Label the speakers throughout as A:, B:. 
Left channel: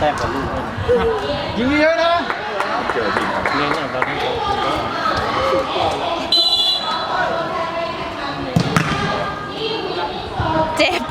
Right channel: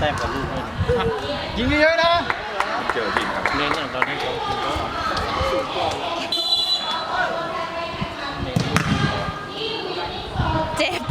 A: แต้
B: มกับลูกเลย
C: ยิงเยอะๆนะ
D: เจอจริงครับ
B: เน้นอย่างเราที่เขาคุณก็
A: เจ็บ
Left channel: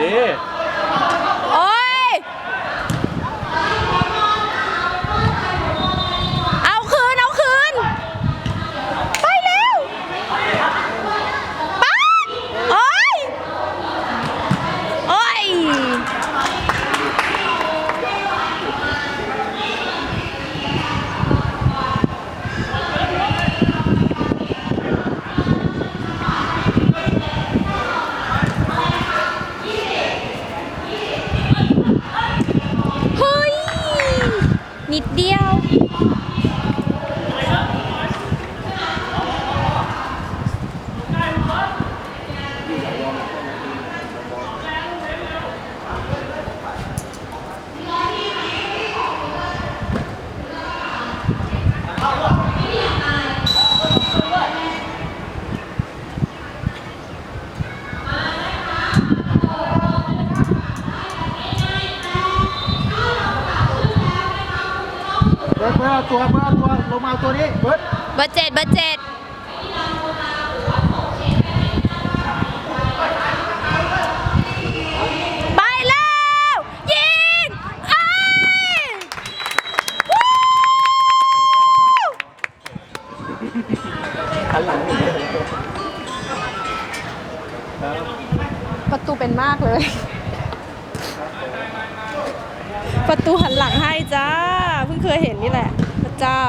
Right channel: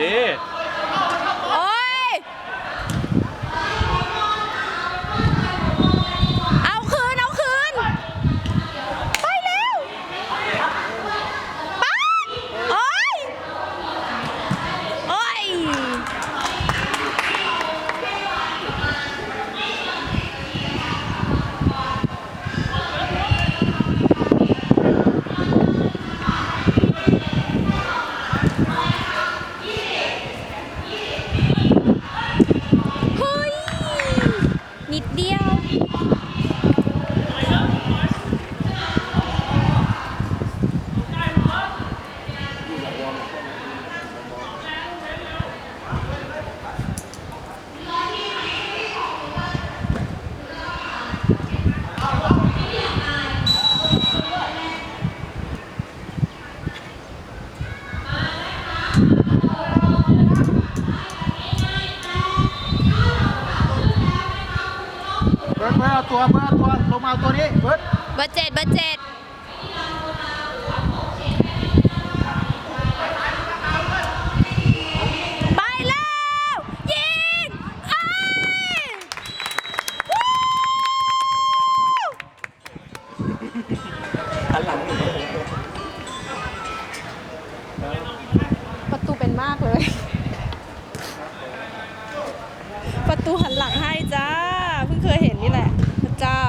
B: ดี
A: โอ้ย เอาคืน เอาคืน ไปเร็ว ไป โอ้ย โอ้ย เฮ้ย นิดเดียว
C: เบิร์ดเบิร์ดเอา ตัวเบิร์ดเอาตัวลงมาเอาตัวนี้เบิร์ด
A: เบอร์เจ็ดเบอร์เจ็ดไปแล้ว ยิงไอ้ยวู้
B: หันหลังนี่
A: ประตูเป็นมากเลย ประตูหันหลังให้จ้า เพิ่งเคยเห็นนี่แหละพระ เจ้า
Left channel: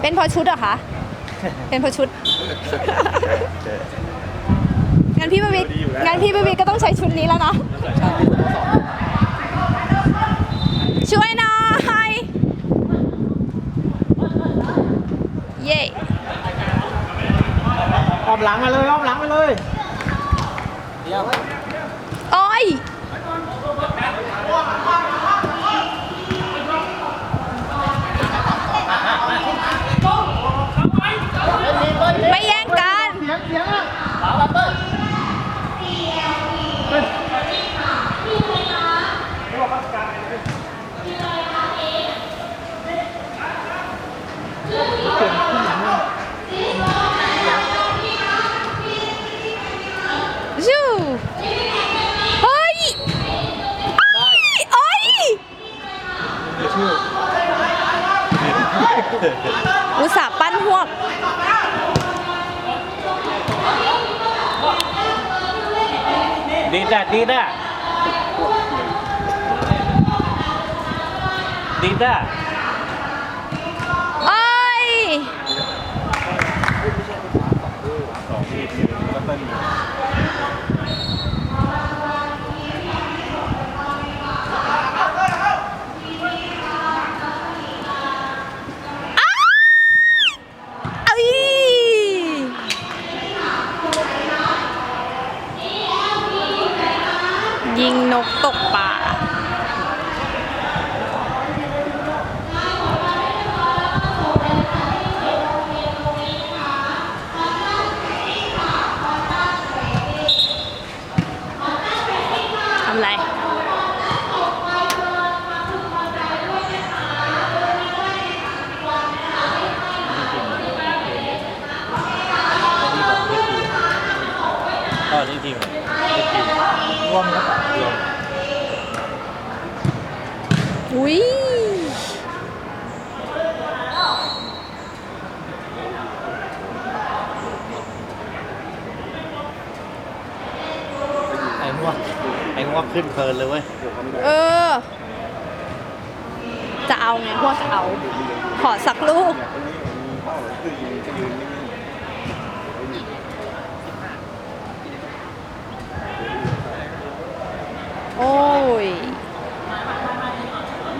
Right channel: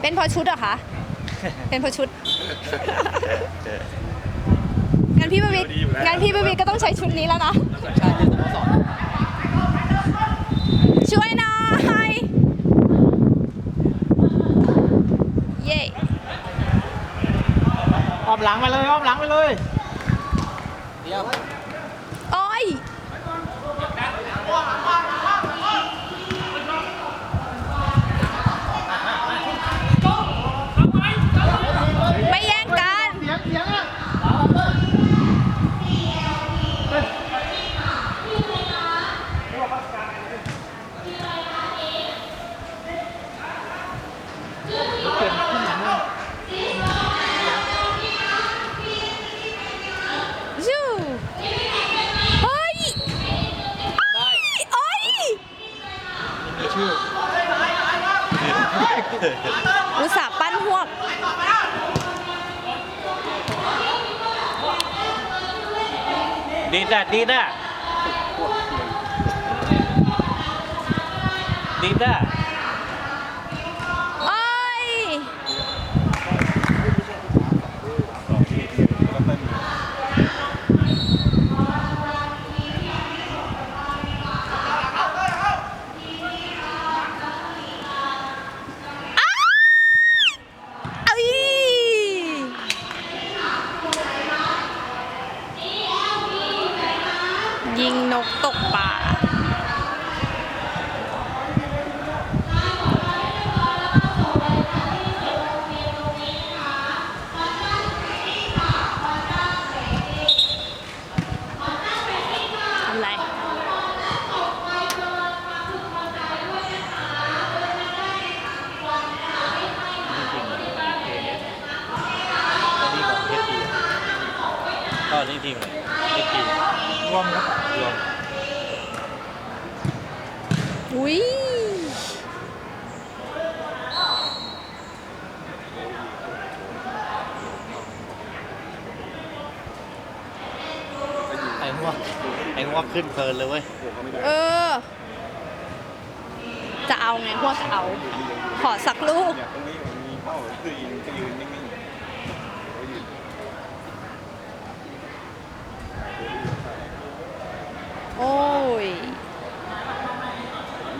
A: เป็นเพอชุดเหรอคะ เป็นเพอชุด งั้นพี่บวิกงั้นพี่บวิกก็ต้องใช้ชุดนี้แล้วนะ ช่วยหน่อยเย่
C: อ้อมหลังมาเลยอ้อมหลังมาเลย
B: เยี่ยม
A: โอ้ย ไม่แย่งกัน
C: เสียงเสียงอะ
A: อุตส่าห์ปั้นหวก
B: ดีด้าดีด้าดีด้า
A: เอ้ย
D: สองทีมก็เต้นอยู่
A: เอ้ยยิงนกตกป่า ทำไร
B: ก็นี่ทีมนี่ทีม
C: รวมครับ
B: รวม
A: อุ้ย
B: ไอ้ง วกไอ้งวกขึ้นเพลินเลยเว้ย
A: เออ จะเอาไงพวกจะเอา ขอสักลูก
D: เนี่ยตรงนี้มันมีเป้าคือยืนก็ยืนนิ่ง
A: โอ้ย
D: ๆ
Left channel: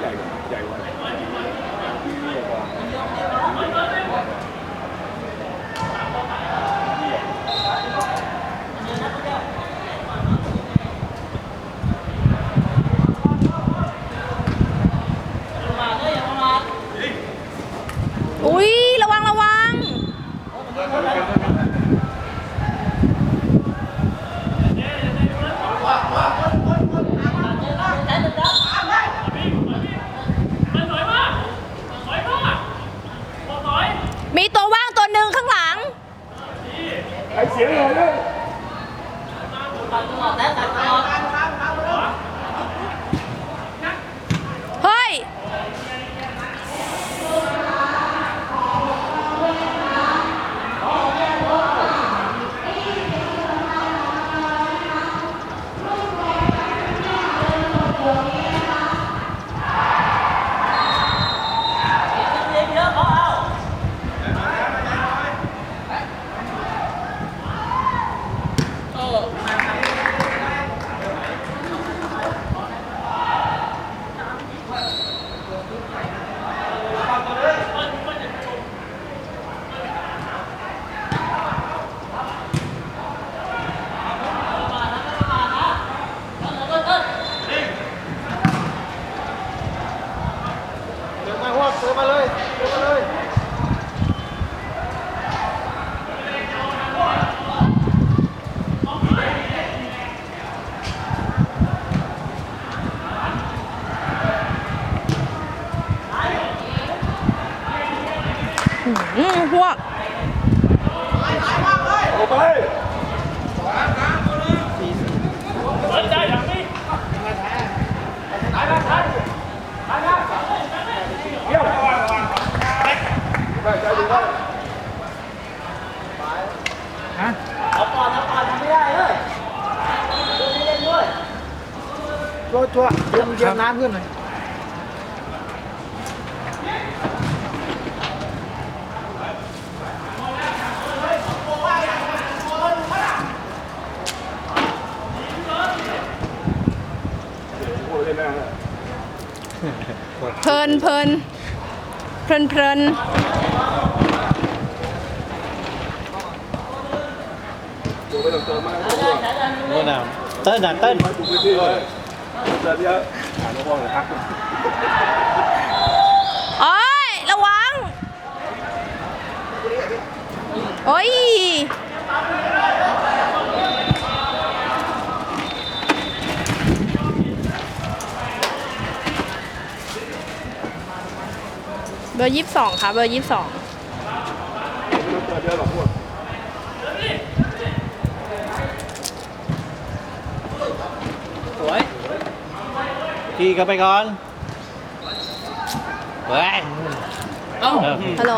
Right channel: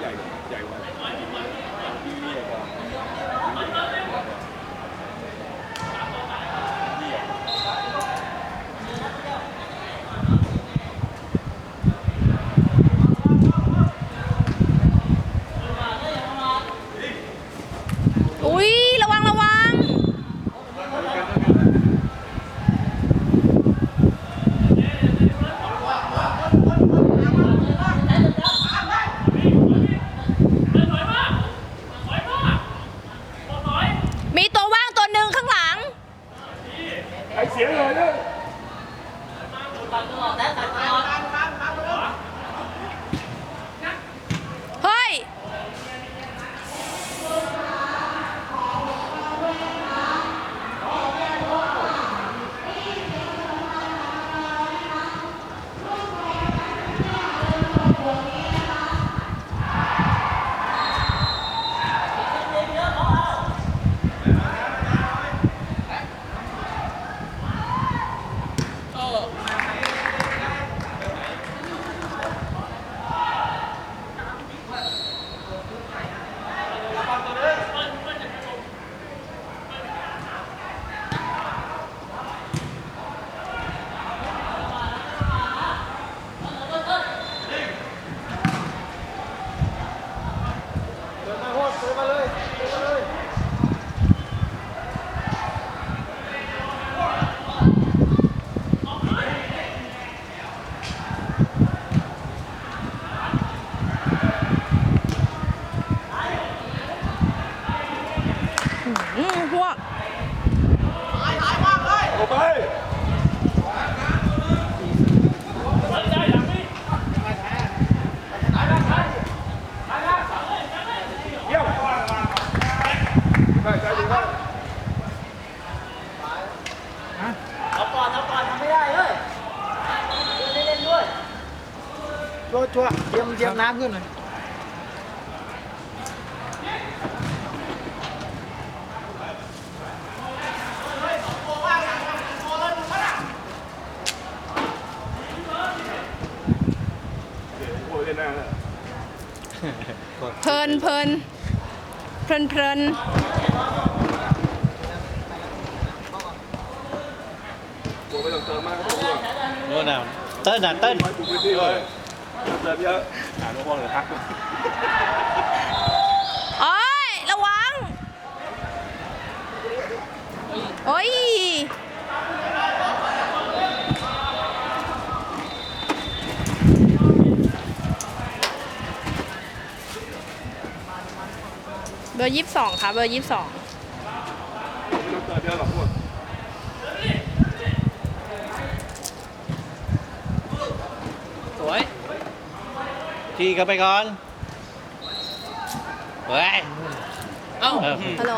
D: ใหญ่ใหญ่กว่าที่ใหญ่กว่า
A: อุ้ยระวังระวัง มีตัวว่างตัวหนึ่งข้างหลัง เฮ้ย
C: เดินมาพวกเดินมาเลยเดินมาเลย
A: อืมพวก
D: โอ้ไป
C: ชัวร์ชัวร์ เตรียมเตรียมน้ำขึ้นหน่อย
D: โอ้เล่นแม่เลย
A: เพลินเพลินเพลินเพลิน
D: ตัวไม่ต้องเติมมากตัว
B: นู่นน่ะเต้นน่ะเต้น
D: ไม่ถูกพื้นที่ เลยเยอะหาลูกบอลเลยทัก
A: โอ้ยระวัง โอ้ยเบอร์ยี่สิบสองค่ะเบอร์ยี่สิบสอง
D: เติมเยอะหรอพวก
B: สวยทีเข้าไปก่อน
D: เเฮ้
B: ย
E: เอ้า
B: เออ
A: ฮัลโหล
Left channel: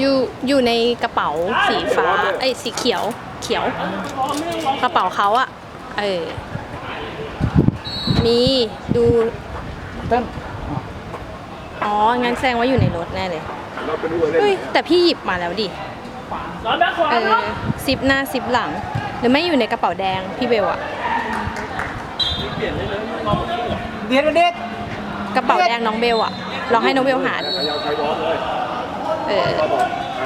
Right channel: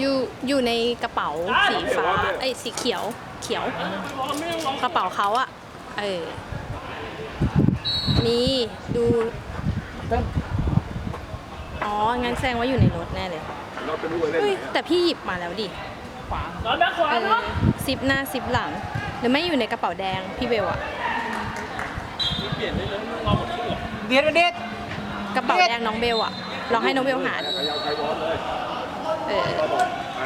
A: อยู่อยู่ในกระเป๋าสีฟ้าเอ้ยสีเขียว เขียว กระเป๋าเขาอะเออ นี่ดู
C: เต้น
A: อ๋อ งั้นแสดงว่าอยู่ในรถแน่เลย
D: เราไปดูเลย
A: เฮ้ย แต่พี่หยิบมาแล้วดิ
E: ร้อนแบ็คขวา
A: เออซิปหน้าซิปหลัง หรือไม่อยู่ในกระเป๋าแดงพี่เบลอะ
E: เปลี่ยนได้เลยรอมันขึ้นเหรอ
C: เบียดเด็ด
A: กระเป๋าแดงน้องเบลอะลองให้น้องเบลหาดู
D: ใครเอาใครร้อนเลย
A: เออ
D: ก็บอกไป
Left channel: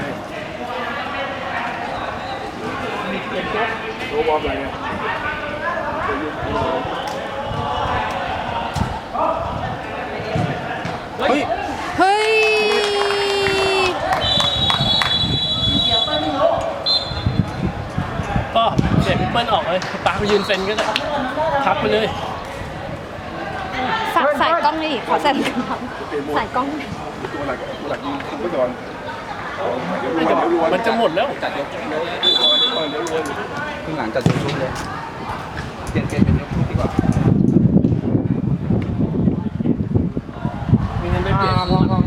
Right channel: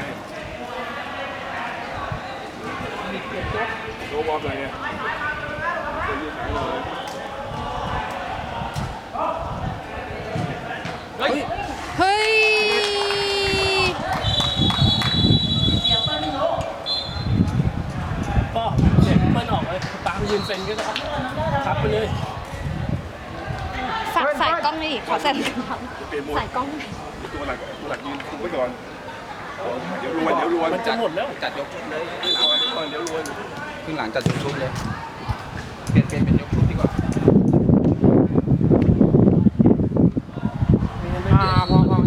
D: โรบอมอะไรเนี่ยจะยืนไหนเลย
E: เฮ้ย
A: เฮ้ย
E: ก็ เดี๋ยวพี่เปิ้ลออกเลยปาไปยืนเซ็นก็ได้ทับไปเลย
A: ฝากสายกล้องหน่อยดิขอใส่สายกล้อง
D: ตัวหลักตัวหลักยืนคุมไว้ก่อนเดี๋ยวรวยเดี๋ยวรวย
E: มันจะหมดแล้ว
D: จัดยกเดี๋ยวรวยเดี๋ยวรวย
F: ครึ่งหลังจัดยกชุดเลยเปลี่ยนเปลี่ยนเป็นยกชุดดีกว่า
E: มีเงินไปเปลี่ยน
C: พอพอ